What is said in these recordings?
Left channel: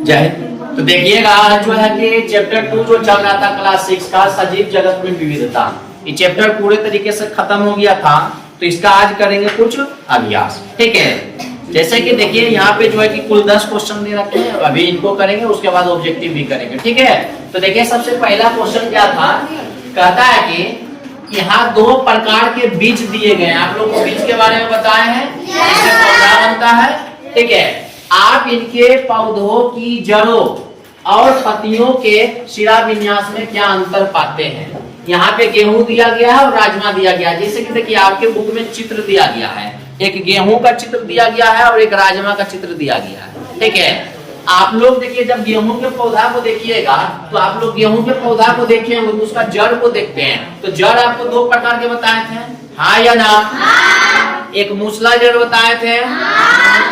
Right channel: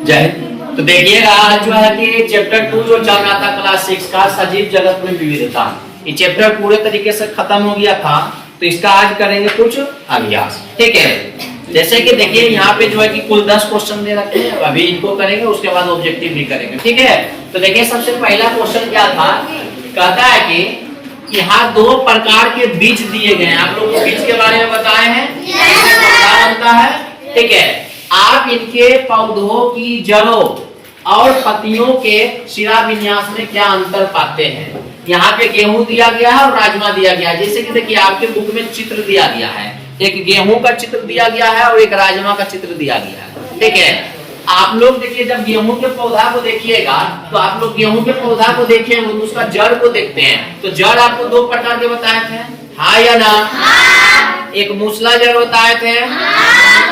जय हिंद। तो देखिएगा आज जो है कि चैप्टर 2 जो चल रहा था क्लास 6 का सजीव जगत में विविधता, ये चैप्टर पूरे तरीके से खत्म हो गया था। तो इसका आज करेंगे कुछ अभ्यास, ठीक है। जैसे कि देखिए यहाँ पे जो है कि कुल 10 क्वेश्चन दे रखे हैं, अभी इनको करेंगे, उसके बाद ऑब्जेक्टिव भी करेंगे, ठीक है। तो देखिए सबसे पहला क्वेश्चन क्या था, कहता है कि यहाँ दो प्रकार के बीज दिए गए हैं। आप लोग को बीज के बारे में बताए हैं, इससे पौधा बनता है, ठीक है। आप इनके पौधों की जड़ों और पत्तियों के शिरा विन्यास में क्या अंतर पाते हैं। यहाँ पे गेहूं दिया गया है और राजमा दिया गया है। जैसे कि देखिए आपके बुक में चित्र दिया गया है, एक गेहूं का चित्र दिया गया है और एक राजमा का चित्र दिया गया है, ठीक है। आप लोग देखिए जब गेहूं के पौधा को देखिएगा तो आप लोग गेहूं के पौधा को देखें तो उसका जड़ को देखते हैं। तो जड़ आपको दो प्रकार के बताए थे, हाँ या ना? एक मूसला जड़ बताए थे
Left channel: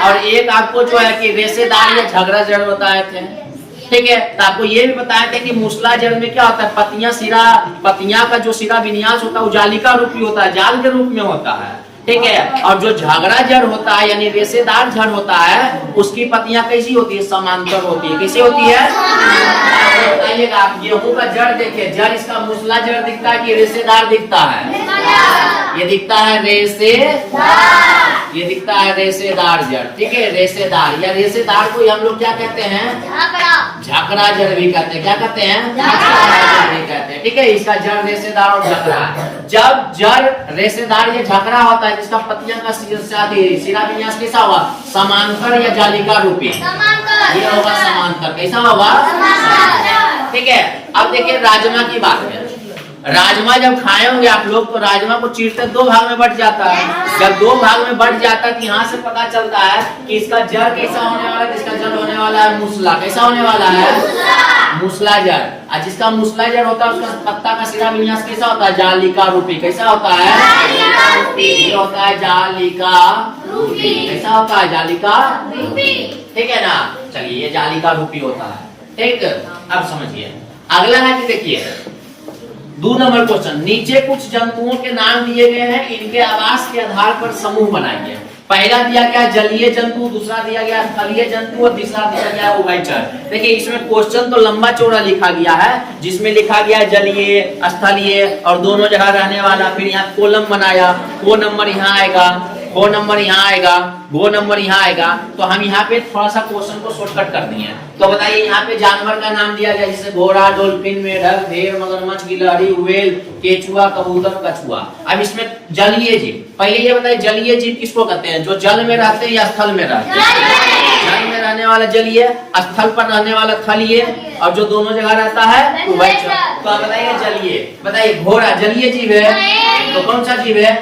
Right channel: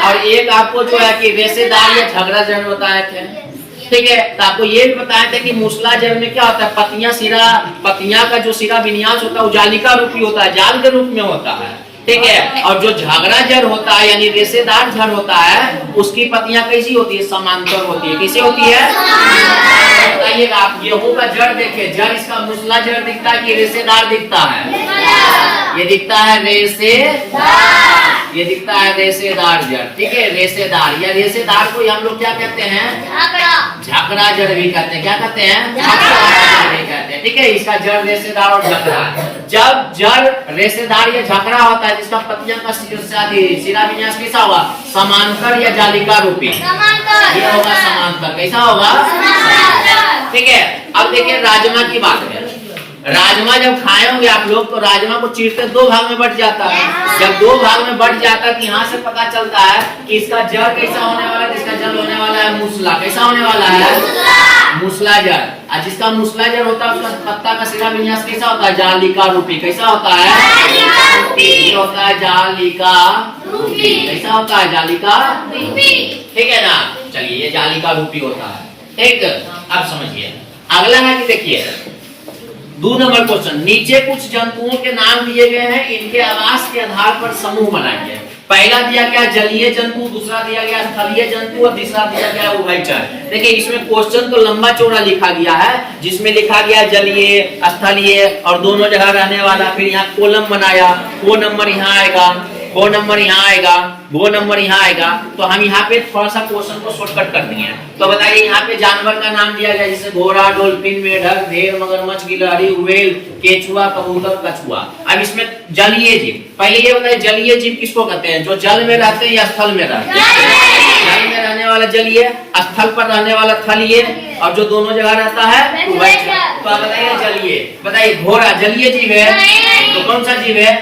और एक आपको जो है कि रेशेदार या झगड़ा जड़ बताए थे, ठीक है। तो आपको ये भी बताए थे कि मूसला जड़ में क्या होता है, पत्तियां का जो सिरा विन्यास होता है वो जालिका रूपी होता है, जाल के रूप में होता है, ठीक है। और जो झगड़ा जड़ होता है यानी रेशेदार जड़ होता है उसकी पत्तियां कैसी होती है, समांतर होती है। कैसे होती है बताइएगा आप। गेहूं का जड़ देखिए, जड़ इसका मूसला जड़ दिखता है कि रेशेदार दिखता है? ये दिखता है रेशेदार, ये दिखता है रेशेदार जड़, ठीक है। रेशेदार या रेशेदार को हम लोग क्या कहते हैं, झकड़ा जड़ भी कहते हैं। क्या कहते हैं, झकड़ा जड़ भी कहते हैं, ठीक है। इसका जड़ रेशेदार और झकड़ा। जब जड़ रेशेदार या झकड़ा होता है जिसका पत्तियां का सिरा विन्यास कैसा होगा, समांतर या जालिका रूपी, ये होगा समांतर। कैसा होगा, ठीक है। अब देखिए राजमा की बात है। राजमा जब खाए होंगे आप लोग तो राजमा को चीरते दो भाग में बट जाता है। जब दो भाग में बट जाता है तो यहाँ से पता चलता है कि इसका जड़ कैसा होने वाला है, जिसका जड़ होने वाला है मूसला। कैसा होने वाला है, मूसला जड़। और जिसका मूसला जड़ होता है उसका पत्ता का सिरा विन्यास कैसा होता है, जालिका रूपी। कैसा होता है, ये होता है जालिका रूपी। कैसा होता है, जालिका रूपी, ठीक है ना। चलिए ये जालिका रूपी होता है, ठीक। अब समझिए अगला है कि देखिए 2 नंबर क्वेश्चन, नीचे कुछ जंतुओं के नाम दिए गए हैं, इनके आवास के आधार पर समूह बनाइए। पहला दिया गया जलीय जंतु, दूसरा दिया गया स्थलीय जंतु और तीसरा दिया गया उभयचर। देखिए इसमें क्वेश्चन तो लंबा चौड़ा लिखा गया है, जिसमें लिखा गया जलीय, स्थलीय और दोनों जगह रहने वाला। फिर यहाँ कॉलम बनाया, वो नंबर यहाँ आएगा, वो नंबर यहाँ आएगा, वो नंबर यहाँ आएगा। तो हम यहाँ पे थोड़ा सा क्वेश्चन को शॉर्टकट कर दिए। तो बताइए यहाँ पे जानवर का नाम दिया गया जैसे घोड़ा, डॉल्फिन, मेढक, भेड़, मगरमच्छ, गिलहरी, व्हेल, केचुआ, कबूतर, कछुआ। अब इसमें जलीय जीव, पहले ये बताइए जलीय जीव किसको कहते हैं, जो जल में रहते हैं या स्थल में रहते हैं। जल में रहने वाला जलीय, स्थल पर रहने वाला थलीय और जो दोनों जगह रहता है उभयचर। तो बताइए जलीय, बताइए घोड़ा जलीय जीव है तो कौन सा जीव है,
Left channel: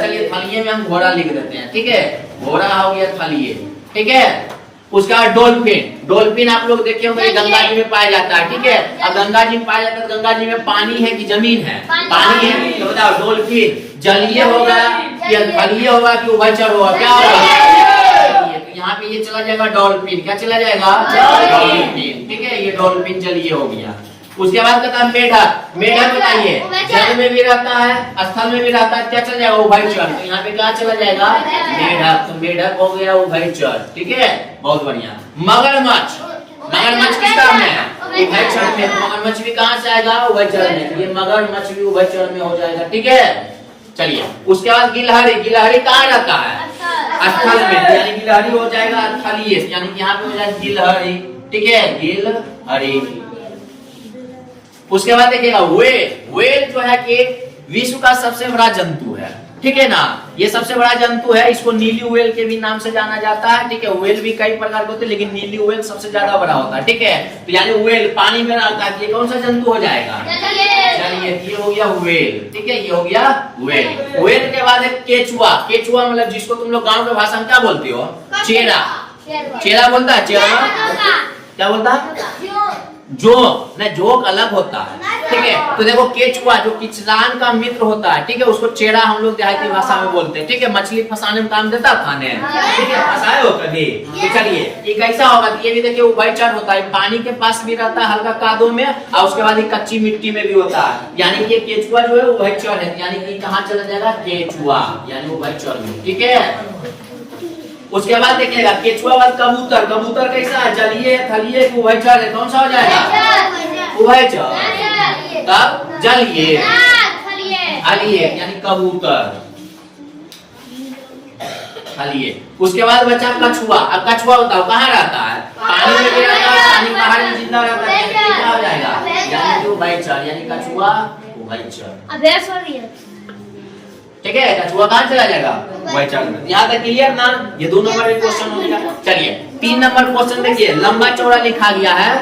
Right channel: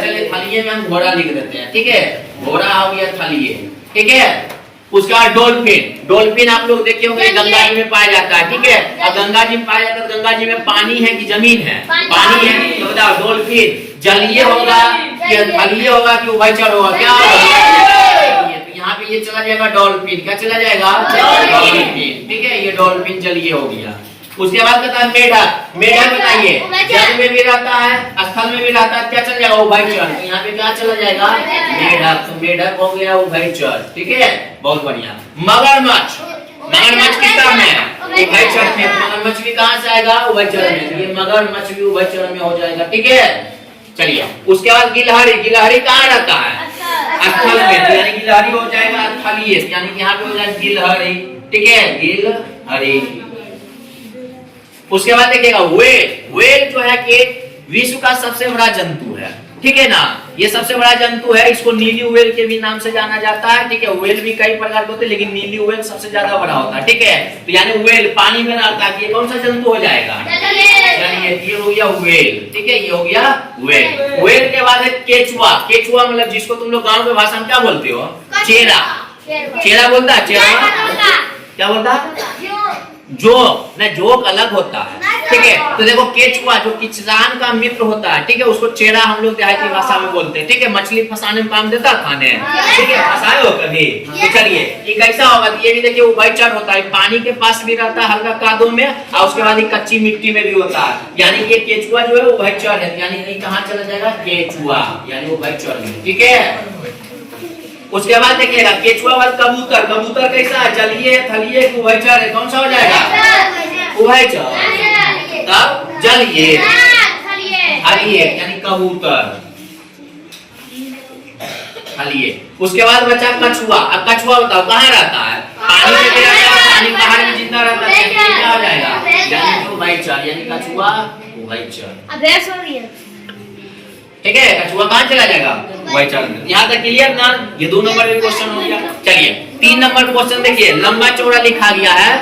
चलिए थलीय में हम घोड़ा लिख देते हैं, ठीक है। घोड़ा हो गया थलीय, ठीक है। उसका डॉल्फिन, डॉल्फिन आप लोग देखे होंगे गंगा जी में पाया जाता है, ठीक है। अब गंगा जी में पाया जाता है, गंगा जी में पानी है कि जमीन है, पानी है कि, तो बताओ डॉल्फिन जलीय होगा कि थलीय होगा कि उभयचर होगा, क्या होगा। यहाँ पे ये चला जाएगा डॉल्फिन, क्या चला जाएगा, डॉल्फिन, ठीक है। ये डॉल्फिन जलीय हो गया। उसके बाद कहता है मेढक, मेढक बताइए जल में भी रहता है, स्थल में भी रहता है, क्या चल जाएगा, उभयचर। तो यहाँ पे क्या चला जाएगा, मेढक। तो मेढक हो गया उभयचर, ठीक है, बहुत बढ़िया। मगरमच्छ, मगरमच्छ किस काम है, उभयचर में। मगरमच्छ भी कहाँ से आएगा, उभयचर में। ये मगरमच्छ भी उभयचर में हो जाएगा, ठीक है। चलिए उसके बाद गिलहरी, गिलहरी कहाँ रहता है, स्थल में, यानी गिलहरी हो जाएगा थलीय, यानी यहाँ पे हो जाएगा गिलहरी, ठीक है, गिलहरी। उसके बाद देखिएगा व्हेल, व्हेल जो है कि विश्व का सबसे बड़ा जंतु है, ठीक है ना। ये सबसे बड़ा जंतु है, इसको नीली व्हेल के भी नाम से जाना जाता है, ठीक है। व्हेल भी कई प्रकार के होते हैं लेकिन नीली व्हेल सबसे ज्यादा बड़ा होता है, ठीक है। तो यानी व्हेल पानी में रहता है, ये कौन सा जंतु हो जाएगा, ये हो गया व्हेल, ठीक है, ये हो गया व्हेल। व्हेल के बाद है केचुआ, केचुआ मतलब जिसको तुम लोग गाँव के भाषा में क्या बोलते हो, चेरा, चेरा बोलता है, चेरा क्या बोलता है, जोक, नहीं जोक अलग होता है, ठीक है। तो देखो केचुआ जो किचरान का मित्र होता है, ठीक है, उसको चेरा हम लोग देहाती भाषा में बोलते हैं, ठीक है। मछली फंसाने में काम देता खाने, ठीक है, फंसाए हो कभी। तो चलिए ये कैसा होगा, ये भी देखिए उभयचर होता है, पानी के पास भी रहता है हल्का कादों में और उसके बाद कच्ची मिट्टी में भी होता है, यानी ये केचुआ जो है उभयचर है, यानी कहाँ चला जाएगा, केचुआ यानी उभयचर में, ठीक है। उसके बाद देखिएगा केचुआ वाला कबूतर, कबूतर कैसा है, जलीय थलीय उभयचर है, कौन सा हो जाएगा उभयचर। तब जलीय थलीय यानी कबूतर थलीय। उसके बाद बचा कछुआ। अब कछुआ बताओ कहाँ रहता है, पानी में भी रहता है, पानी बाहर में जिंदा रहता है, क्या हो जाएगा यानी कि उभयचर यानी कछुआ उभयचर। ठीक है, कछुआ कहाँ चला जाएगा उभयचर में। यहाँ तक क्लियर ना, ये 2 नंबर का क्वेश्चन हो गया। चलिए 3 नंबर क्वेश्चन देखिए, लंबा चौड़ा लिखा गया है,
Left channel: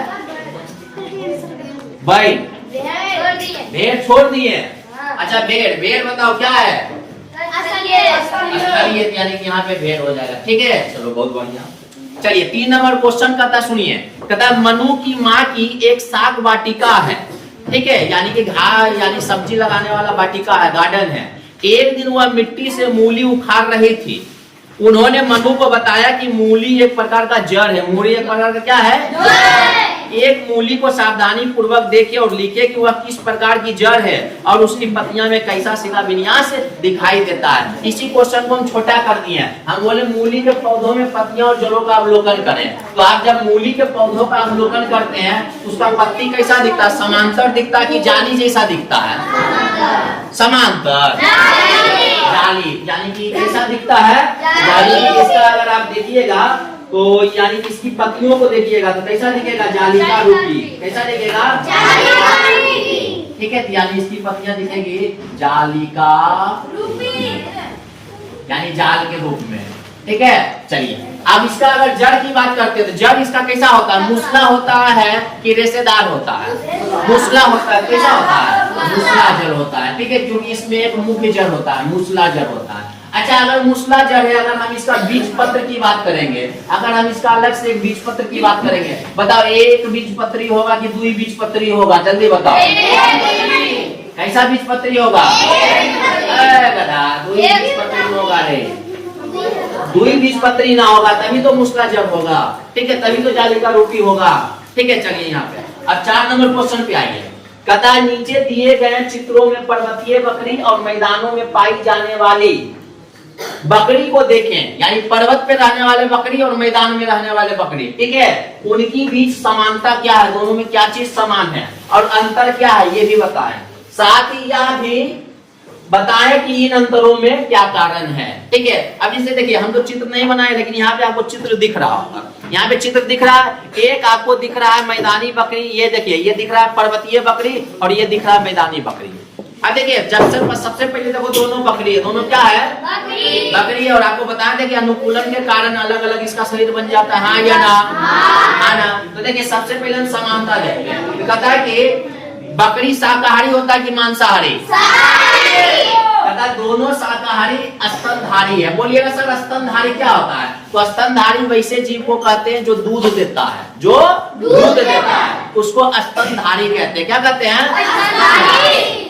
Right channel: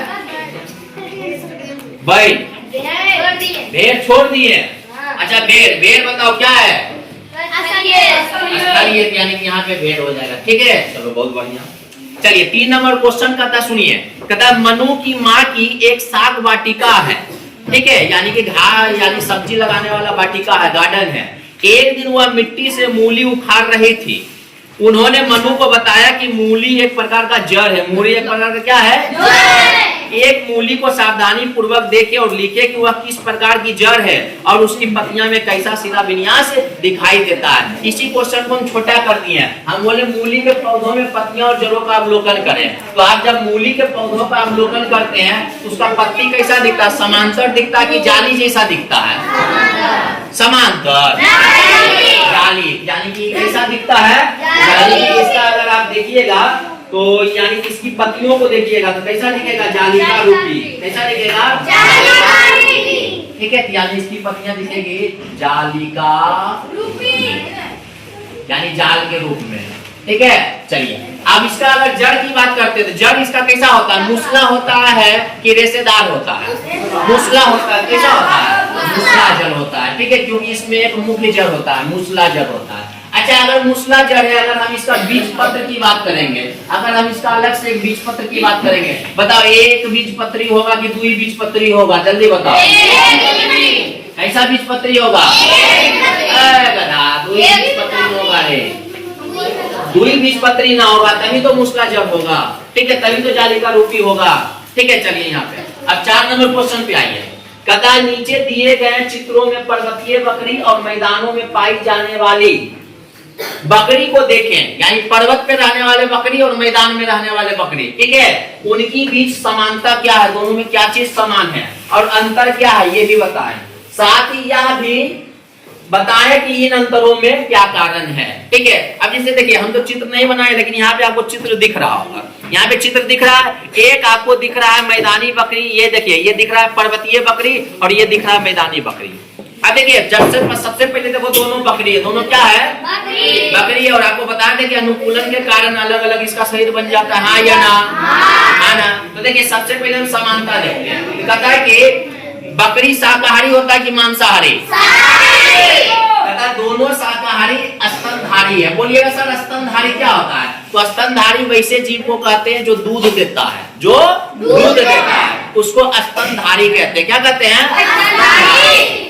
भाई भेड़ छोड़ दिए। अच्छा भेड़, भेड़ बताओ क्या है, स्थलीय यानी कि यहाँ पे भेड़ हो जाएगा। ठीक है, चलो बहुत बढ़िया। चलिए 3 नंबर क्वेश्चन कहता सुनिए, कहता मनु की माँ की एक साग वाटिका है। ठीक है, यानी कि घास यानी सब्जी लगाने वाला वाटिका है, गार्डन है। एक दिन वह मिट्टी से मूली उखाड़ रही थी। उन्होंने मनु को बताया कि मूली एक प्रकार का जड़ है। मूली एक प्रकार का क्या है, एक मूली को सावधानी पूर्वक देखे और लिखे कि वह किस प्रकार की जड़ है और उसकी पत्तियां में कैसा सीधा विन्यास दिखाई देता है। इसी क्वेश्चन को हम छोटा कर दिए हैं, हम बोले मूली के पौधों में पत्तियां और जड़ों का अवलोकन करें। तो आप जब मूली के पौधों का अवलोकन करते हैं तो उसका पत्ती कैसा दिखता है, समांतर दिखता है कि जाली जैसा दिखता है, समांतर जाली यानी कि कैसा दिखता है जाली। इसका अगर आप देखिएगा तो यानी कि इसकी पत्तियों को देखिएगा तो कैसा दिखेगा, जालिका रूपी। कैसा दिखेगा, ठीक है, यानी इसकी पत्तियां दिखेगी जालिका रूपी यानी जाल के रूप में। ठीक है, चलिए अब इसका अगर जड़ की बात करते हैं तो जड़ इसका कैसा होता है, मूसला होता है कि रेशेदार होता है, मूसला होता है। कैसा होता है, मूसला जड़ होता है। ठीक है, क्योंकि इसमें एक मुख्य जड़ होता है, मूसला जड़ होता है। अच्छा अगर मूसला जड़ है, अगर हम इसका बीज पत्र की बात करेंगे, अगर हम इसका अलग से एक बीज पत्र की बात करेंगे, बताओ एक बीज पत्री होगा कि 2 बीज पत्री होगा, जल्दी बताओ। कैसा बीज पत्री होगा, 2 बीज पत्री होगा रे, 2 बीज पत्री ना होगा तभी तो मूसला जड़ होगा। ठीक है, तभी तो जालिका रूपी होगा। ठीक है, चलिए यहाँ पे अब 4 नंबर क्वेश्चन पे आइए। कहता नीचे दिए गए चित्रों में पर्वतीय बकरी और मैदानों में पाई जाने वाली बकरी को देखें, यानी पर्वत पे रहने वाले बकरी और मैदान में रहने वाले बकरी। ठीक है, उनकी बीच समानता क्या है, दोनों में क्या चीज समान है और अंतर क्या है ये भी बताएं। साथ ही यह भी बताएं कि इन अंतरों में क्या कारण है। ठीक है, अब जैसे देखिए हम तो चित्र नहीं बनाए, लेकिन यहाँ पे आपको चित्र दिख रहा होगा, यहाँ पे चित्र दिख रहा है। एक आपको दिख रहा है मैदानी बकरी, ये देखिए ये दिख रहा है पर्वतीय बकरी और ये दिख रहा है मैदानी बकरी। अब देखिए सबसे पहले देखो दोनों बकरी है, दोनों क्या है बकरी है। और आपको बता दें कि अनुकूलन के कारण अलग अलग इसका शरीर बन जाता है, हाँ या ना, हाँ ना। तो देखिए सबसे पहले हम समानता देखते हैं। तो कहता है कि बकरी शाकाहारी होता है कि मांसाहारी, कहता है दोनों शाकाहारी स्तनधारी है। बोलिएगा सर स्तनधारी क्या होता है, तो स्तनधारी वैसे जीव को कहते हैं जो दूध देता है, जो दूध देता है उसको स्तनधारी कहते हैं। क्या कहते हैं,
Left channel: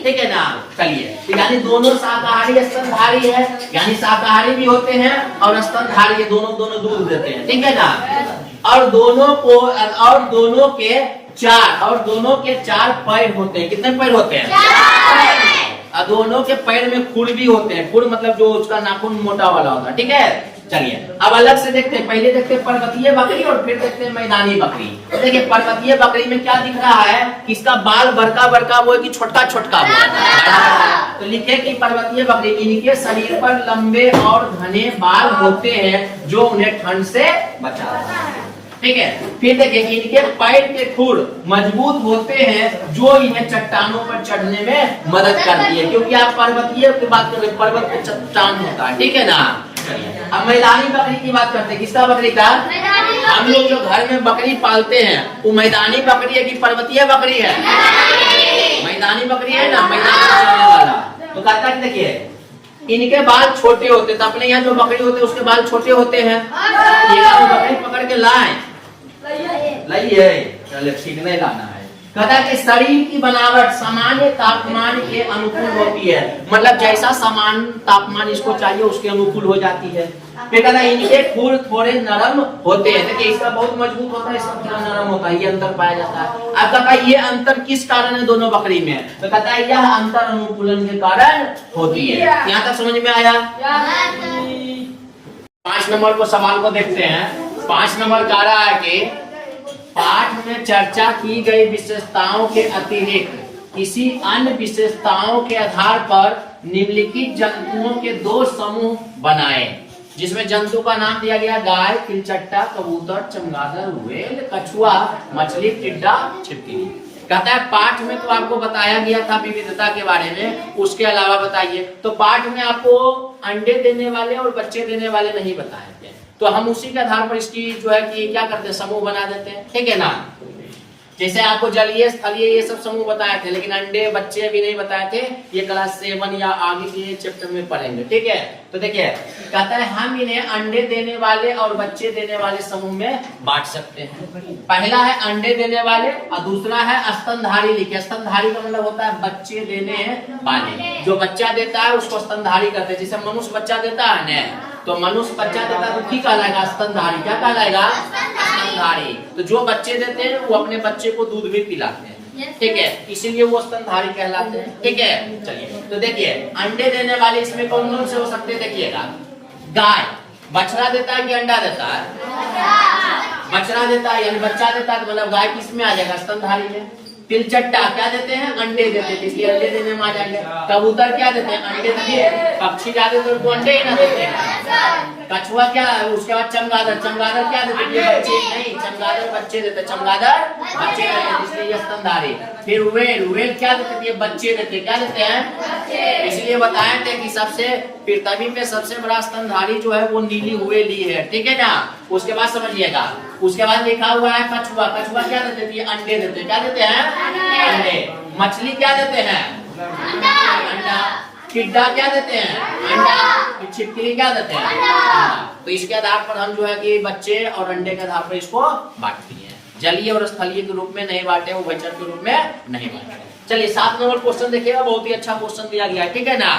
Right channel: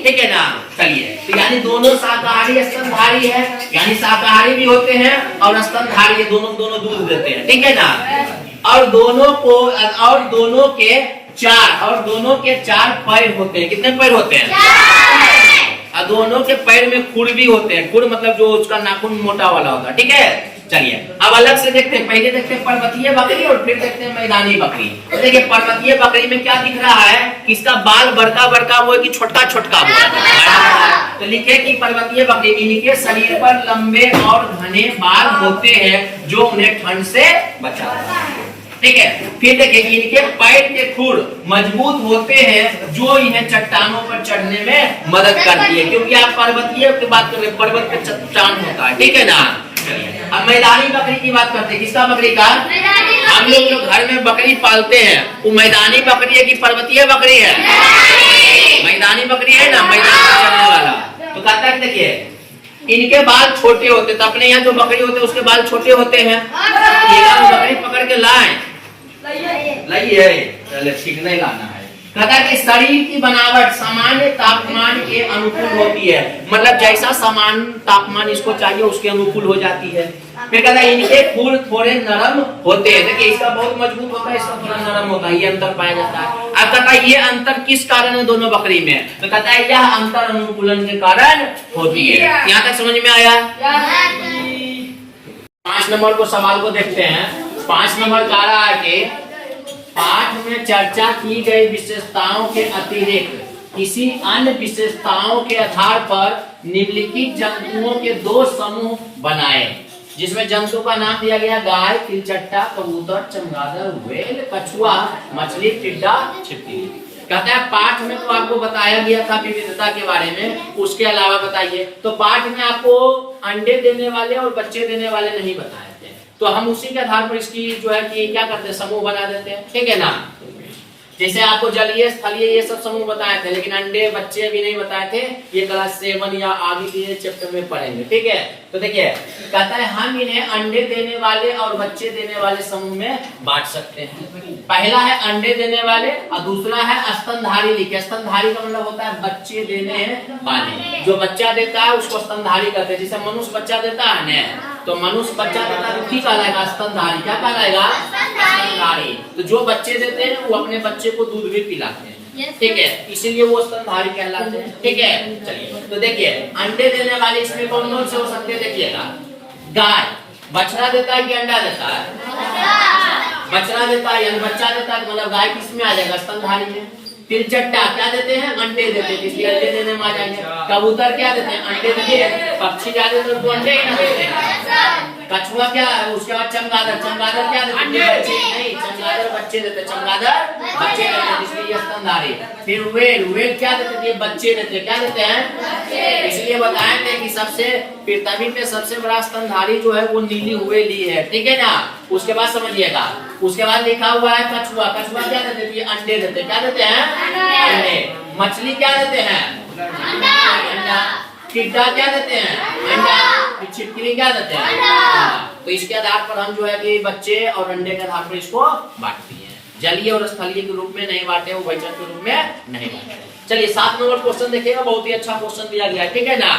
ठीक है ना। चलिए तो यानी दोनों शाकाहारी स्तनधारी है, यानी शाकाहारी भी होते हैं और स्तनधारी है, दोनों दूध देते हैं। ठीक है ना। और दोनों के 4 पैर होते हैं। कितने पैर होते हैं, और दोनों के पैर में खुर भी होते हैं। खुर मतलब जो उसका नाखून मोटा वाला होता है। ठीक है, चलिए अब अलग से देखते हैं। पहले देखते हैं पर्वतीय बकरी और फिर देखते हैं मैदानी बकरी। देखिए पर्वतीय बकरी में क्या दिख रहा है कि इसका बाल बड़का बड़का वो है कि छोटका छोटका वो है। तो लिखे कि पर्वतीय बकरी इनके शरीर पर लंबे और घने बाल होते हैं जो उन्हें ठंड से बचाता है। ठीक है, फिर देखिए इनके पैर के खुर मजबूत होते हैं जो इन्हें चट्टानों पर चढ़ने में मदद करती है, क्योंकि आप पर्वतीय की बात कर रहे हैं, पर्वत पे चट्टान होता है। ठीक है ना। अब मैदानी बकरी की बात करते हैं। किसका बकरी का, हम लोग जो घर में बकरी पालते हैं वो मैदानी बकरी है कि पर्वतीय बकरी है, मैदानी बकरी है ना, मैदान में चलने वाला। तो कहता है देखिए इनके बाल छोटे होते, तो अपने यहाँ जो बकरी होते हैं उसके बाल छोटे होते हैं। बकरी पकड़ के लाए लाइए, चले ठीक नहीं लाना है। कहता कि शरीर की बनावट सामान्य तापमान के अनुकूल होती है, मतलब जैसा समान तापमान इसको चाहिए उसके अनुकूल हो जाती है। फिर कहता है इनके खुर थोड़े नरम होते हैं। देखिए इसका बहुत मजबूत होता है, इसका थोड़ा नरम होता है, ये अंतर पाया जाता है। अब कहता है ये अंतर किस कारण है दोनों बकरी में, तो कहता है यह अंतर अनुकूलन के कारण होती है। यहाँ तक समझ में आया। 5 नंबर को सवाल को देखते हैं। 5 नंबर कह रहा है कि पाठ में चर्चा की गई विशेषताओं के अतिरिक्त किसी अन्य विशेषताओं के आधार पर निम्नलिखित जंतुओं के 2 समूह बनाए, जिसमें जंतु का नाम दिया गया गाय, तिलचट्टा, कबूतर, चमगादड़, व्हेल, कछुआ, मछली, टिड्डा, छिपकली। कहता है पाठ में तो आपको बताया गया था विविधता के बारे में, उसके अलावा बताइए। तो पाठ में आपको अंडे देने वाले और बच्चे देने वाले नहीं बताए थे, तो हम उसी के आधार पर इसकी जो है कि क्या करते हैं, समूह बना देते हैं, ठीक है ना। जैसे आपको जलीय, स्थलीय ये सब समूह बताए थे, लेकिन अंडे बच्चे भी नहीं बताए थे। ये क्लास 7 या आगे के चैप्टर में पढ़ेंगे, ठीक है। तो देखिए कहता है हम इन्हें अंडे देने वाले और बच्चे देने वाले समूह में बांट सकते हैं। पहला है अंडे देने वाले और दूसरा है स्तनधारी। लिखे स्तनधारी का मतलब होता है बच्चे देने वाले। जो बच्चा देता है उसको स्तनधारी कहते हैं। जैसे मनुष्य बच्चा देता है ना, तो मनुष्य बच्चा देता है तो क्या कहलाएगा, स्तनधारी। क्या कहलाएगा, स्तनधारी। तो जो बच्चे देते हैं वो अपने बच्चे को दूध भी पिलाते हैं, ठीक है, इसीलिए वो स्तनधारी कहलाते हैं, ठीक है। चलिए तो देखिए अंडे देने वाले इसमें कौन कौन से हो सकते हैं, देखिएगा। गाय बछड़ा देता है कि अंडा देता है, बछड़ा देता है यानी बच्चा देता है, मतलब गाय किस में आ जाएगा, स्तनधारी में। तिलचट्टा क्या देते हैं, अंडे देते हैं, इसलिए अंडे देने में आ जाएंगे। कबूतर क्या देते हैं, अंडे देते हैं। पक्षी क्या देते हैं, तो अंडे ही देते हैं। कछुआ क्या है, उसके बाद चमगादड़, चमगादड़ क्या देते हैं, बच्चे नहीं, चमगादड़ बच्चे देते हैं, चमगादड़ बच्चे देते हैं, इसलिए ये स्तनधारी। फिर व्हेल, व्हेल क्या देते हैं, बच्चे देते हैं, क्या देते हैं, इसलिए बताए थे कि सबसे पृथ्वी में सबसे बड़ा स्तनधारी जो है वो नीली व्हेल ही है, ठीक है ना। उसके बाद समझिएगा, उसके बाद लिखा हुआ है कछुआ। कछुआ क्या देते हैं, अंडे देते हैं, क्या देते हैं, अंडे। मछली क्या देते हैं, अंडा। टिड्डा क्या देते हैं, अंडा। छिपकली क्या देते हैं, अंडा। तो इसके आधार पर हम जो है कि बच्चे और अंडे के आधार पर इसको बांटते हैं। जलीय और स्थलीय के रूप में नहीं बांटे, उभयचर के रूप में नहीं बांटे। चलिए 7 नंबर क्वेश्चन देखिएगा, बहुत ही अच्छा क्वेश्चन दिया गया है, ठीक है ना।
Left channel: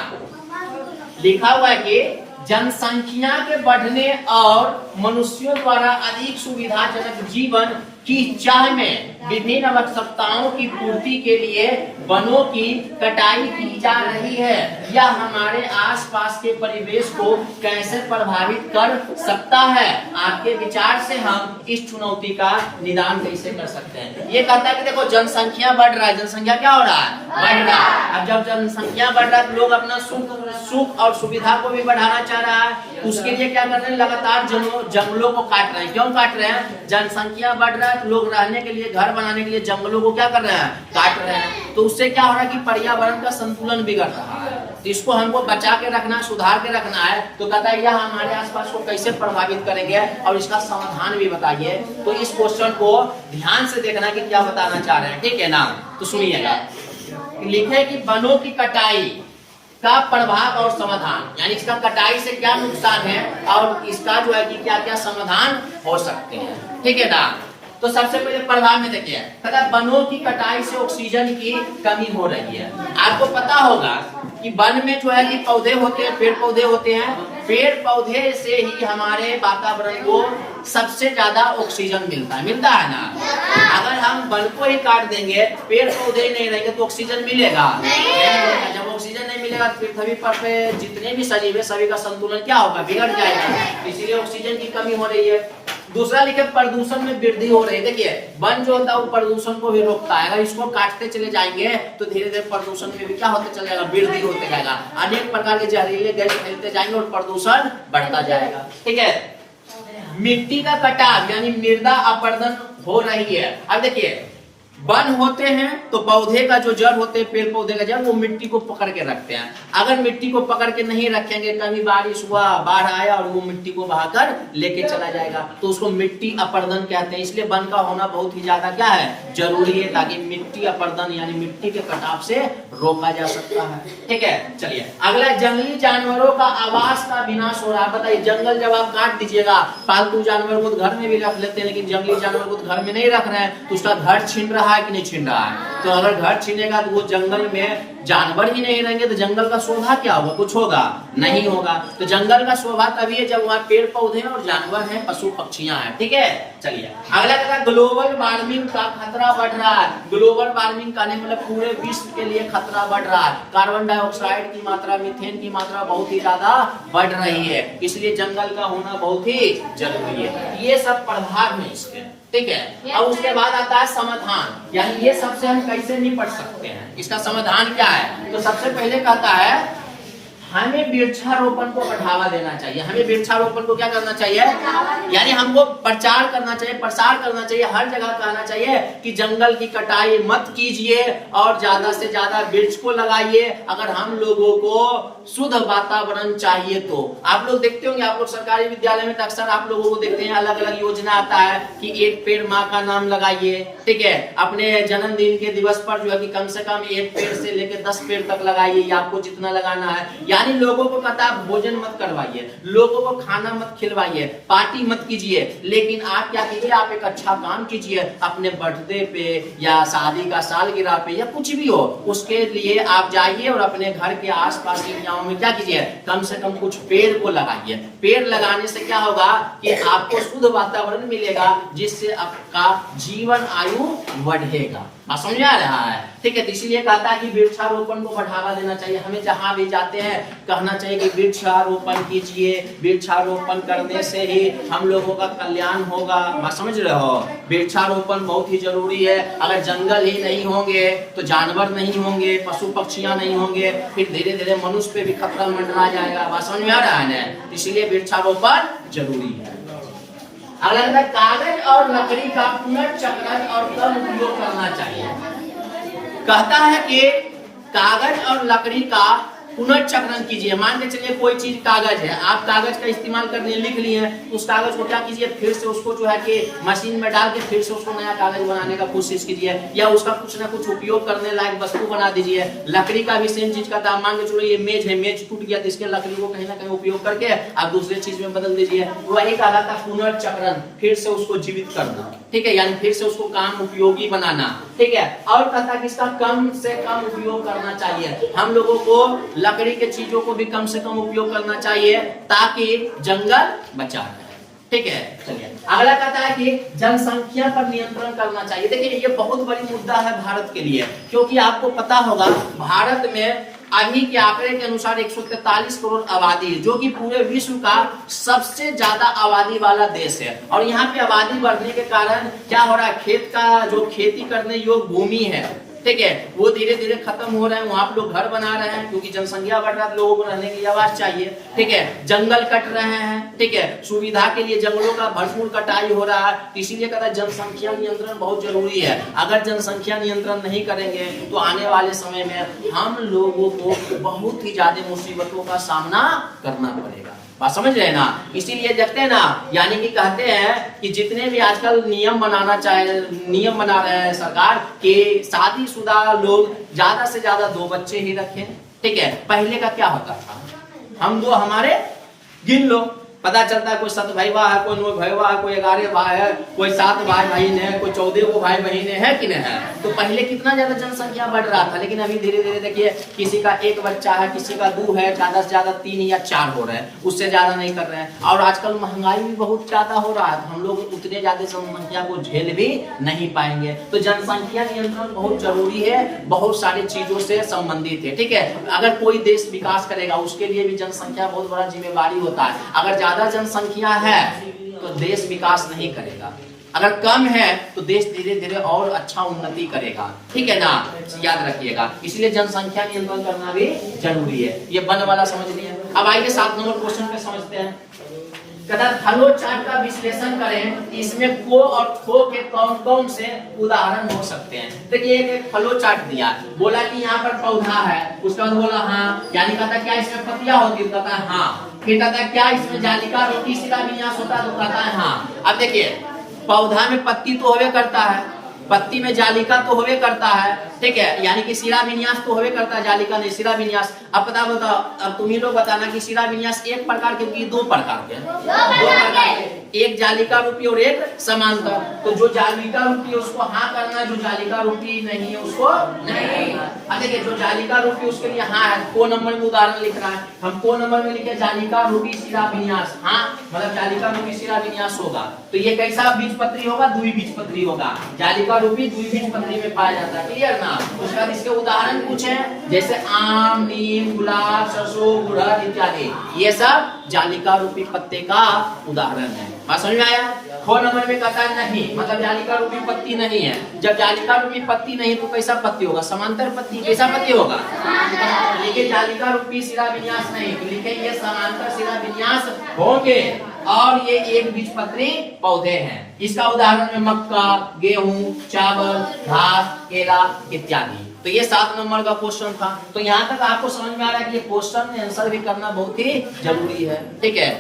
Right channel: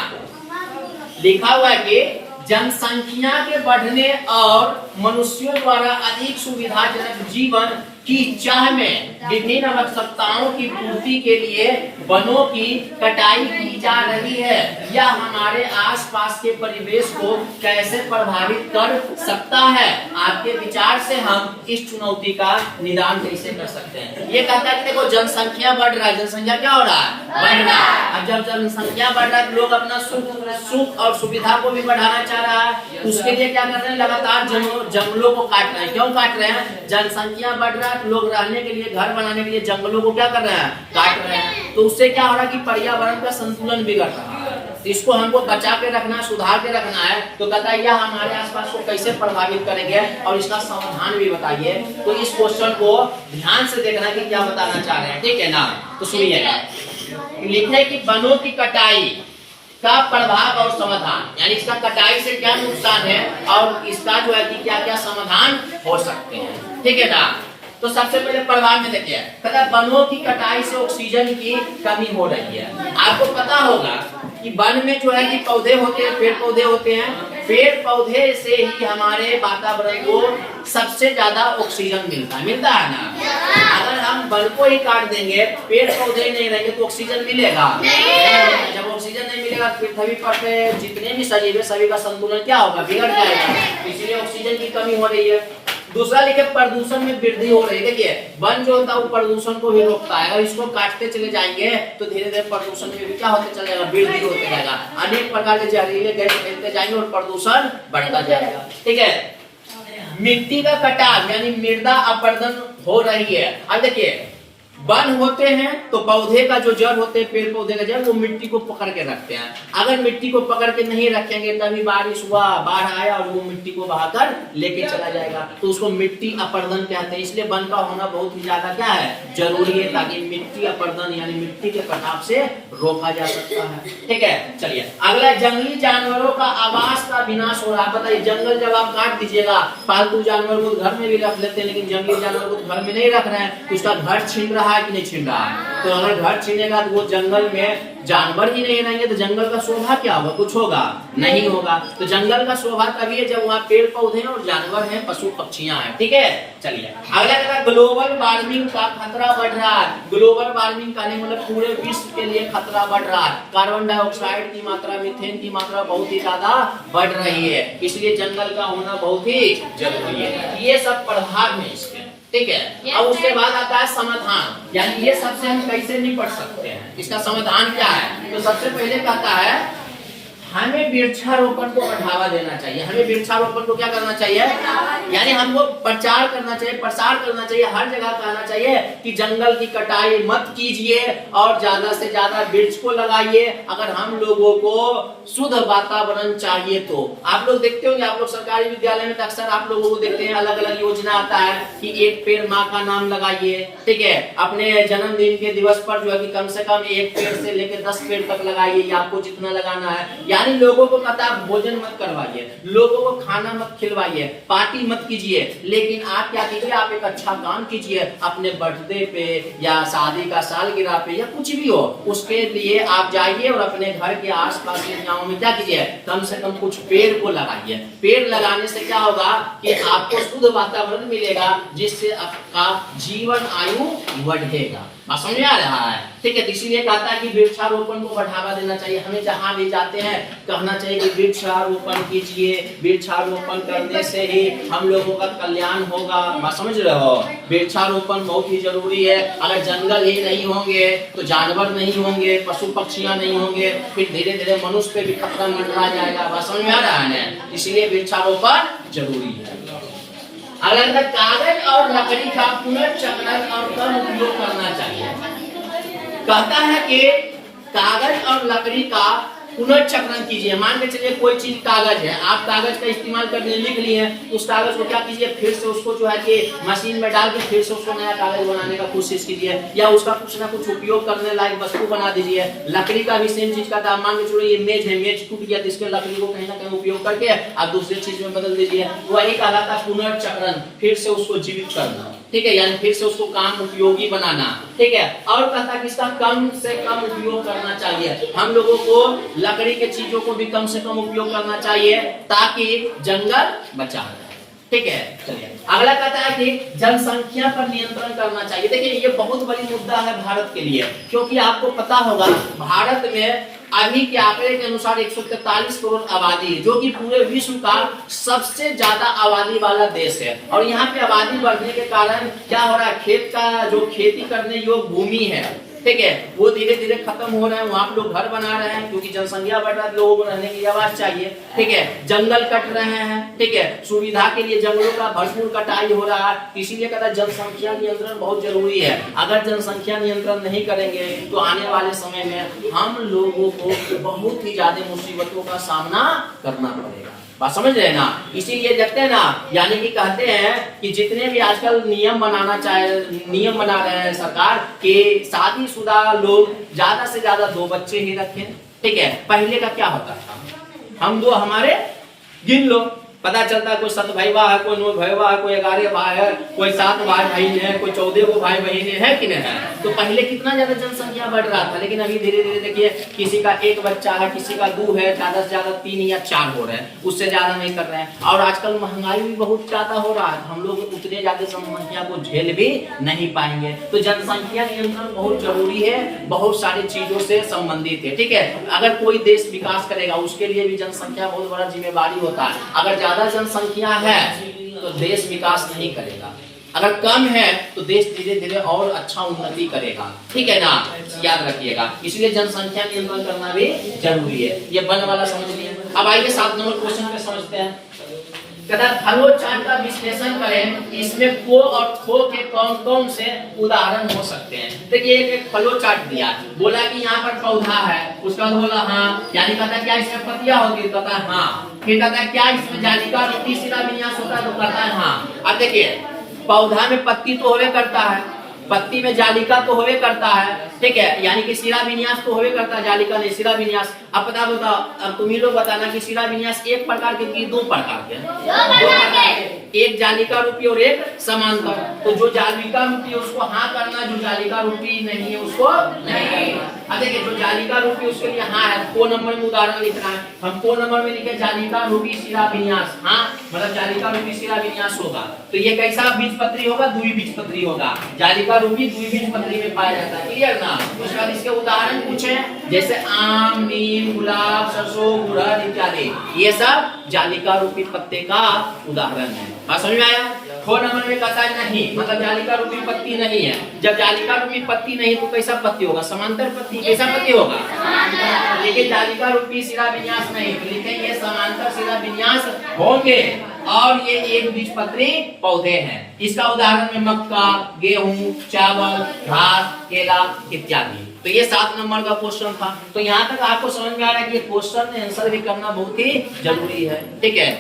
लिखा हुआ है कि जनसंख्या के बढ़ने और मनुष्यों द्वारा अधिक सुविधाजनक जीवन की चाह में विभिन्न आवश्यकताओं की पूर्ति के लिए वनों की कटाई की जा रही है। यह हमारे आसपास के परिवेश को कैसे प्रभावित कर सकता है, आपके विचार से हम इस चुनौती का निदान कैसे कर सकते हैं। ये कहता है कि देखो जनसंख्या बढ़ रहा है, जनसंख्या क्या हो रहा है, बढ़ रहा है। अब जब जनसंख्या बढ़ रहा है तो लोग अपना सुख और सुविधा को भी बढ़ाना चाह रहा है। उसके लिए क्या कर रहे हैं, लगातार जंगलों को काट रहे हैं। क्यों काट रहे हैं, जनसंख्या बढ़ रहा है तो लोग रहने के लिए, घर बनाने के लिए जंगलों को क्या कर रहे हैं, काट रहे हैं। तो उससे क्या हो रहा है कि पर्यावरण का संतुलन बिगड़ रहा है। तो इसको हमको बचा के रखना, सुधार के रखना है। तो कहता है यह हमारे आसपास को कैसे प्रभावित करेंगे और इसका समाधान भी बताइए। तो इस क्वेश्चन को ध्यान से देखना कि क्या बताना चाह रहे हैं, ठीक है ना। तो सुनिएगा, लिखे कि वनों की कटाई का प्रभाव और समाधान, यानी इसका कटाई से क्या नुकसान है और इसका जो है कि क्या क्या समाधान हो सकते हैं, ठीक है ना। तो सबसे पहले प्रभाव में देखिए, वनों की कटाई से ऑक्सीजन की कमी हो रही है। आपको पता होगा कि वन में जो है कि पौधे होते हैं, पेड़ पौधे होते हैं। पेड़ पौधे से ही हमारे वातावरण को सबसे ज्यादा ऑक्सीजन मिलता है ना। अगर हम वन को ही काट देंगे, पेड़ पौधे नहीं रहेंगे तो ऑक्सीजन मिलेगा नहीं। जब ऑक्सीजन नहीं मिलेगा पृथ्वी पर जितने भी सजीव है सभी का संतुलन क्या होगा, बिगड़ जाएगा। इसीलिए ऑक्सीजन की कमी हो रही है। दूसरा लिखे प्रदूषण में वृद्धि हो रही है। देखिए वन जो होता है वो प्रदूषण को भी रोकता है। अगर इसको काटते चले जाएंगे तो धीरे धीरे प्रदूषण में भी क्या होते चला जाएगा, वृद्धि होते जाएगा। अनेक प्रकार के जहरीले गैस फैलते जाएंगे और प्रदूषण बढ़ता जाएगा, ठीक है। मिट्टी का कटाव यानी मृदा अपरदन हो रही है। अब देखिए वन होते हैं तो पौधे का जो जड़ होते हैं, पेड़ पौधे का जड़, वो मिट्टी को पकड़ के रखते हैं। अगर मिट्टी को पकड़ के नहीं रखेंगे, कभी बारिश हुआ, बाढ़ आया और वो मिट्टी को बहाकर लेके चला जाएगा, तो उसको मिट्टी अपरदन कहते हैं। इसलिए वन का होना बहुत ही ज्यादा क्या है, जरूरी है, ताकि मिट्टी अपरदन यानी मिट्टी के कटाव से रोका जा सकता है, ठीक है। चलिए अगला, जंगली जानवरों का आवास का विनाश हो रहा है। बताइए जंगल जब आप काट दीजिएगा, पालतू जानवर को घर में भी रख लेते हैं, लेकिन जंगली जानवर को घर में नहीं रख रहे हैं, तो उसका घर छीन रहा है कि नहीं छीन रहा है। तो तो अगर घर छीनेगा तो वो जंगल में जानवर ही नहीं रहेंगे तो जंगल का शोभा क्या होगा, कुछ होगा नहीं होगा। तो जंगल का शोभा तभी है जब वहाँ पेड़ पौधे और जानवर हैं, पशु पक्षियां हैं। ठीक है, चलिए अगला देखा ग्लोबल वार्मिंग का खतरा बढ़ रहा है। ग्लोबल वार्मिंग का मतलब पूरे विश्व के लिए खतरा बढ़ रहा है। कार्बन डाइऑक्साइड की मात्रा, मीथेन की मात्रा बहुत ही ज्यादा बढ़ रही है, इसलिए जंगल का होना बहुत ही जरूरी है। ये सब प्रभाव में इसके, ठीक है। अब उसके बाद आता है समाधान, यानी ये सबसे हम कैसे निपट सकते हैं, इसका समाधान क्या है। तो सबसे पहले कहता है हमें वृक्षारोपण को बढ़ावा देना चाहिए। हमें वृक्षारोपण को क्या करना चाहिए, यानी हमको प्रचार करना चाहिए, प्रसार करना चाहिए, हर जगह कहना चाहिए कि जंगल की कटाई मत कीजिए और ज्यादा से ज्यादा वृक्ष को लगाइए। अगर हम लोगों को शुद्ध वातावरण चाहिए तो आप लोग देखते होंगे, आप लोग सरकारी विद्यालय में अक्सर आप लोगों को देखते हैं अलग अलग योजना आता है कि एक पेड़ माँ का नाम लगाइए। ठीक है, अपने जन्मदिन के दिवस पर जो है कि कम से कम एक पेड़ से लेकर 10 पेड़ तक लगाइए, आपको जितना लगाना है। यानी लोगों को कहता है भोजन मत करवाइए, लोगों को खाना मत खिलवाइए, पार्टी मत कीजिए, लेकिन आप क्या कीजिए, आप एक अच्छा काम कीजिए अपने बर्थडे पे या शादी का सालगिरह पे या कुछ भी हो, उसके लिए आप जाइए और अपने घर के आसपास के गांव में क्या कीजिए, कम से कम कुछ पेड़ को लगाइए। पेड़ लगाने से क्या होगा कि आपको शुद्ध वातावरण मिलेगा, जिससे आपका जीवन आयु बढ़ेगा। समझ में आ रहा है, ठीक है। तो इसीलिए कहता है कि वृक्षारोपण को बढ़ावा देना चाहिए। हमें जहां भी जाते हैं कहना चाहिए कि वृक्षारोपण कीजिए, वृक्षारोपण करने से ही हम लोगों का कल्याण होगा। बात समझ रहे हो, वृक्षारोपण बहुत ही जरूरी है। अगर जंगल ही नहीं होंगे तो जानवर नहीं होंगे, पशु पक्षियां नहीं होंगे, फिर धीरे धीरे मनुष्य पे भी खतरा मंडरा जाएगा। बात समझ में आ रहा है ना, इसलिए वृक्षारोपण जरूरी है। अगला कागज और लकड़ी का पुनर्चक्रण और कम उपयोग करना चाहिए। कहता है कि कागज और लकड़ी का पुनर्चक्रण कीजिए। मान के चलिए कोई चीज कागज है, आप कागज का इस्तेमाल करने लिख लिए हैं, उस कागज को क्या कीजिए, फिर से उसको जो है कि मशीन में डाल के फिर से उसको नया कागज बनाने का कोशिश कीजिए, या उसका कुछ ना कुछ उपयोग करने लायक वस्तु बना दीजिए। लकड़ी का भी सेम चीज का था। मान के चलिए ये मेज है, मेज टूट गया तो इसके लकड़ी को कहीं ना कहीं उपयोग करके आप दूसरी चीज में बदल दीजिए। वही कहा था पुनर्चक्रण, फिर से उसको जीवित करना। ठीक है, यानी फिर से उसको काम उपयोगी बनाना। ठीक है, और कहता है कि इसका कम से कम उपयोग करना चाहिए। हम लोगों को लकड़ी के चीजों को भी कम से कम उपयोग करना चाहिए ताकि जंगल बचा रहे। ठीक है, चलिए अगला कहता है कि जनसंख्या पर नियंत्रण करना चाहिए। देखिए ये बहुत बड़ी मुद्दा है भारत के लिए, क्योंकि आपको पता होगा भारत में अभी के आंकड़े के अनुसार 143 करोड़ आबादी है, जो कि पूरे विश्व का सबसे ज्यादा आबादी वाला देश है। और यहाँ पे आबादी बढ़ने के कारण क्या हो रहा है, खेत का जो खेती करने योग्य भूमि है, ठीक है, वो धीरे धीरे खत्म हो रहे हैं। वहां लोग घर बना रहे हैं क्योंकि जनसंख्या बढ़ रहा है, लोगों को रहने की आवाज चाहिए। ठीक है, जंगल कट रहे हैं, ठीक है, सुविधा के लिए जंगलों का भरपूर कटाई हो रहा है। इसीलिए कहता है जनसंख्या नियंत्रण बहुत जरूरी है। अगर जनसंख्या नियंत्रण नहीं करेंगे तो आने वाले समय में हम लोगों को बहुत ही ज्यादा मुसीबतों का सामना करना पड़ेगा। बात समझ रहे ना, इसीलिए देखते हैं ना, यानी कि कहते हैं कि जितने भी आजकल नियम बना रहे हैं सरकार कि शादीशुदा लोग ज्यादा से ज्यादा 2 बच्चे ही रखें। ठीक है, पहले का क्या होता था, हम 2 हमारे गिन लो, पता चलता है कोई 7 भाईवा है, कोई 9 भाईवा है, कोई 11 भाई है, कोई 7 भाई बहन है, कोई 14 को भाई बहन है कि नहीं है। तो पहले कितना ज्यादा जनसंख्या बढ़ रहा था, लेकिन अभी धीरे धीरे देखिए किसी का 1 बच्चा है, किसी का 2 है, ज्यादा से ज्यादा 3 या 4 हो रहे हैं, उससे ज्यादा नहीं कर रहे हैं। और आजकल महंगाई भी बहुत ज्यादा हो रहा है, हम लोग उतने ज्यादा जनसंख्या को झेल भी नहीं पाएंगे। तो जनसंख्या नियंत्रण बहुत जरूरी है, बहुत सारी चीजों से संबंधित है। ठीक है, अगर कोई देश विकास करेगा उसके लिए भी जनसंख्या बहुत बड़ा जिम्मेवारी होता है। अगर ज्यादा जनसंख्या है तो देश विकास नहीं करेगा, अगर कम है तो देश धीरे धीरे और अच्छा उन्नति करेगा। ठीक है ना, याद रखिएगा। इसलिए जनसंख्या नियंत्रण करना भी जरूरी है। ये वन वाला समझ लिए। अब आइए 7 नंबर क्वेश्चन पे समझते हैं। कहता फ्लो चार्ट का विश्लेषण करें, इसमें को और खो के कौन कौन से उदाहरण हो सकते हैं। देखिए एक फ्लो चार्ट दिया, बोला कि यहाँ पर पौधा है, उसका बोला हाँ, यानी कहता क्या इसमें पत्तियां होती, कहता है हाँ। फिर कहता है क्या इसमें जालिका रोटी शिरा विन्यास होता है, तो कहता है हाँ। अब देखिए पौधा में पत्ती तो होवे करता है, पत्ती में जालिका तो होवे करता है, ठीक है, यानी कि शिरा विन्यास तो होवे करता है, जालिका नहीं शिरा विन्यास। अब बताओ अब तुम ही लोग बताना कि शिरा विन्यास 1 प्रकार के कि 2 प्रकार के? 2 प्रकार के। एक जालिका रूपी और एक समांतर। तो जो जालिका रूपी है उसको हाँ करना, जो जालिका रूपी नहीं है उसको नहीं। अब देखिए जो जालिका रूपी उसके लिए हाँ है, को नंबर में उदाहरण लिख रहा है, हम को नंबर में लिखे जालिका रूपी शिरा विन्यास, हाँ मतलब जालिका रूपी शिरा विन्यास होगा। तो ये कैसा बीजपत्री होगा? द्विबीजपत्री होगा। जालिका रूपी द्विबीजपत्री में पाया जाता है, क्लियर ना। उसके बाद इसके उदाहरण पूछे जैसे आम, नीम, गुलाब, सरसों, गुड़हल इत्यादि, ये सब जालिका रूपी पत्ते का उदाहरण है। बात समझ में आया? खो नंबर में कहता है नहीं, मतलब जालिका रूपी पत्ती नहीं है। जब जालिका रूपी पत्ती नहीं तो कैसा पत्ती होगा? समांतर पत्ती। कैसा पत्ती होगा? लेकिन जालिका रूपी शिरा विन्यास नहीं, तो लिखे ये समांतर शिरा विन्यास होंगे। और ये एक बीजपत्री पौधे हैं। इसका उदाहरण में मक्का, गेहूं, चावल, घास, केला इत्यादि। तो ये 7 नंबर का क्वेश्चन था। तो यहाँ तक आपको समझ में आ रहा है कि क्वेश्चन में आंसर भी करना बहुत ही जरूरी है, ठीक है।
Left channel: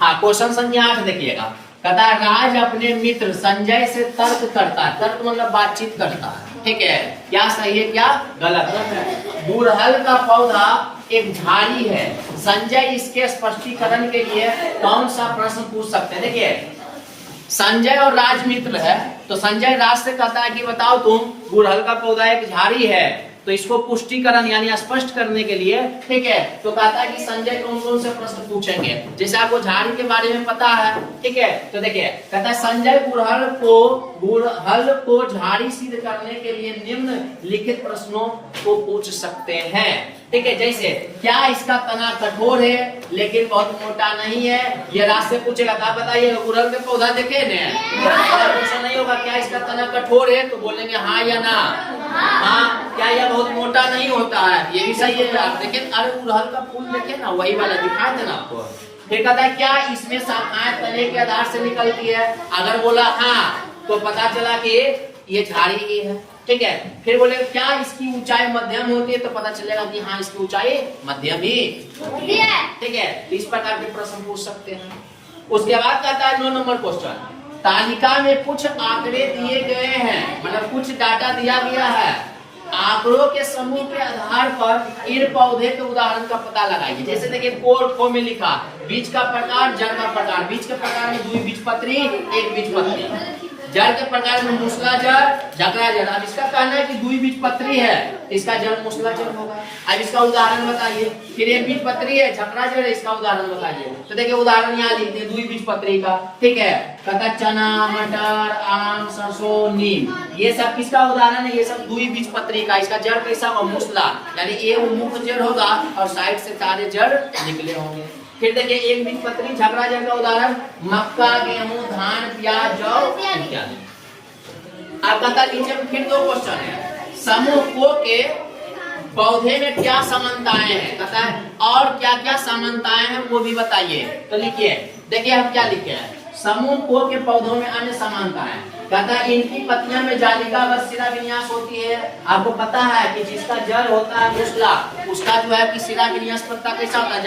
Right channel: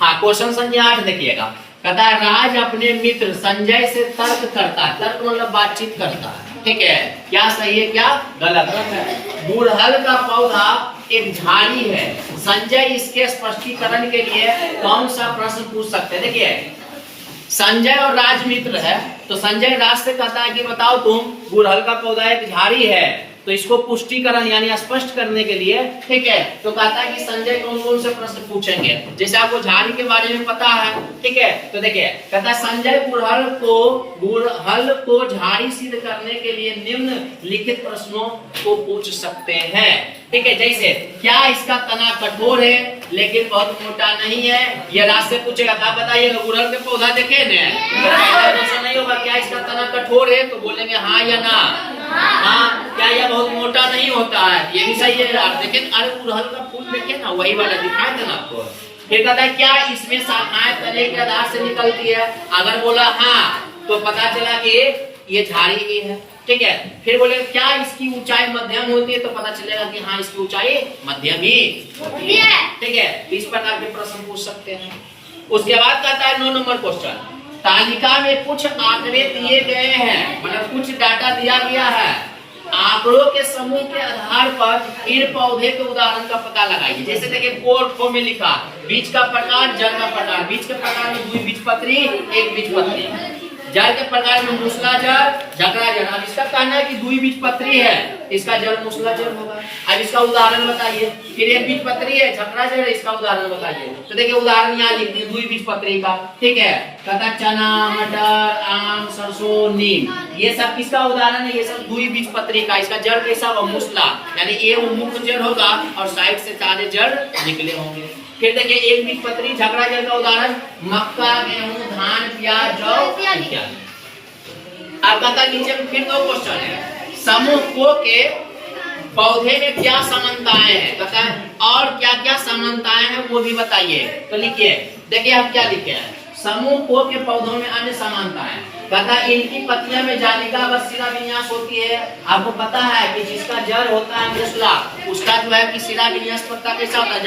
हाँ, क्वेश्चन संख्या 8 देखिएगा। कहता है राज अपने मित्र संजय से तर्क करता है, तर्क मतलब बातचीत करता है, ठीक है। क्या सही है क्या गलत है? गुड़हल का पौधा एक झाड़ी है, संजय इसके स्पष्टीकरण के लिए कौन सा प्रश्न पूछ सकते हैं? देखिए संजय और राज मित्र है, तो संजय राज से कहता है कि बताओ तुम, गुड़हल का पौधा एक झाड़ी है, तो इसको पुष्टिकरण यानी स्पष्ट करने के लिए, ठीक है, तो कहता है कि संजय कौन से प्रश्न पूछेंगे। जैसे आपको झाड़ी के बारे में पता है, ठीक है, तो देखिए कहता है संजय गुड़हल को झाड़ी सिद्ध करने के लिए निम्नलिखित प्रश्नों को पूछ सकते हैं, ठीक है। जैसे क्या इसका तना कठोर है लेकिन बहुत मोटा नहीं है? ये राज से पूछेगा। आप बताइए गुड़हल के पौधा देखे न, नहीं होगा क्या इसका तना कठोर है, तो बोलेंगे हाँ या ना। हाँ, क्या यह बहुत मोटा नहीं होता है? ये भी सही है। आप देखें, अरे गुड़हल का फूल देखे ना, वही वाला दिखाए थे ना आपको। फिर कहता है क्या इसमें शाखाएं तने के आधार से निकलती है? अगर बोला हाँ तो पता चला कि ये झाड़ी भी है, ठीक है। फिर बोले क्या इसकी ऊंचाई मध्यम होती है? तो पता चलेगा कि हाँ इसकी ऊंचाई मध्यम ही होती है, ठीक है। तो इस प्रकार के प्रश्न पूछ सकते हैं। उसके बाद कहता है 9 नंबर क्वेश्चन, तालिका में कुछ आंकड़े दिए गए हैं, मतलब कुछ डाटा दिया गया है, आंकड़ों के समूह के आधार पर इन पौधे के उदाहरण का पता लगाइए। जैसे देखिए खो में लिखा बीज का प्रकार, जड़ का प्रकार। बीज के प्रकार में द्विबीजपत्री, एक बीजपत्री। जड़ के प्रकार में मूसला जड़, झकड़ा जड़। अब इसका कहना है कि द्विबीजपत्री है, इसका जड़ मूसला जड़ होगा। अब इसका उदाहरण बताइए। फिर एक बीजपत्री है, झकड़ा जड़ है, इसका उदाहरण बताइए। तो देखिए उदाहरण यहाँ लिख दिए द्विबीजपत्री का, ठीक है। कहता चना, मटर, आम, सरसों, नीम, ये सब किसका उदाहरण है? ये सब द्विबीजपत्री का। इसका जड़ कैसा होगा? मूसला, यानी एक मुख्य जड़ होगा और साइड से सारे जड़ निकले होंगे। फिर देखिए एक बीजपत्री झकड़ा जड़ का उदाहरण मक्का, गेहूं, धान, प्याज, जौ इत्यादि। अब कहता नीचे में फिर 2 क्वेश्चन है। समूह को के पौधे में क्या समानताएं हैं? कहता है और क्या क्या समानताएं हैं वो भी बताइए। तो लिखिए, देखिए हम क्या लिखे हैं। समूह को के पौधों में अन्य समानताएं, कहता है इनकी पत्तियां में जालिका व शिरा विन्यास होती है। आपको पता है कि जिसका जड़ होता है मूसला, उसका जो है कि शिरा विन्यास पत्ता कैसा होता है?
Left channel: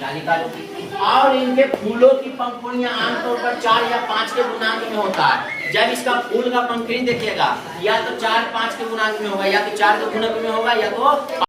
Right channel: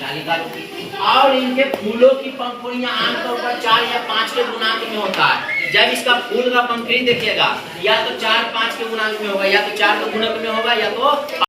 जालिका रूपी। और इनके फूलों की पंखुड़ियां आमतौर पर 4 या 5 के गुणांक में होता है। जब इसका फूल का पंखुड़ी देखिएगा या तो 4-5 के गुणांक में होगा, या तो 4 के गुणक में होगा, या तो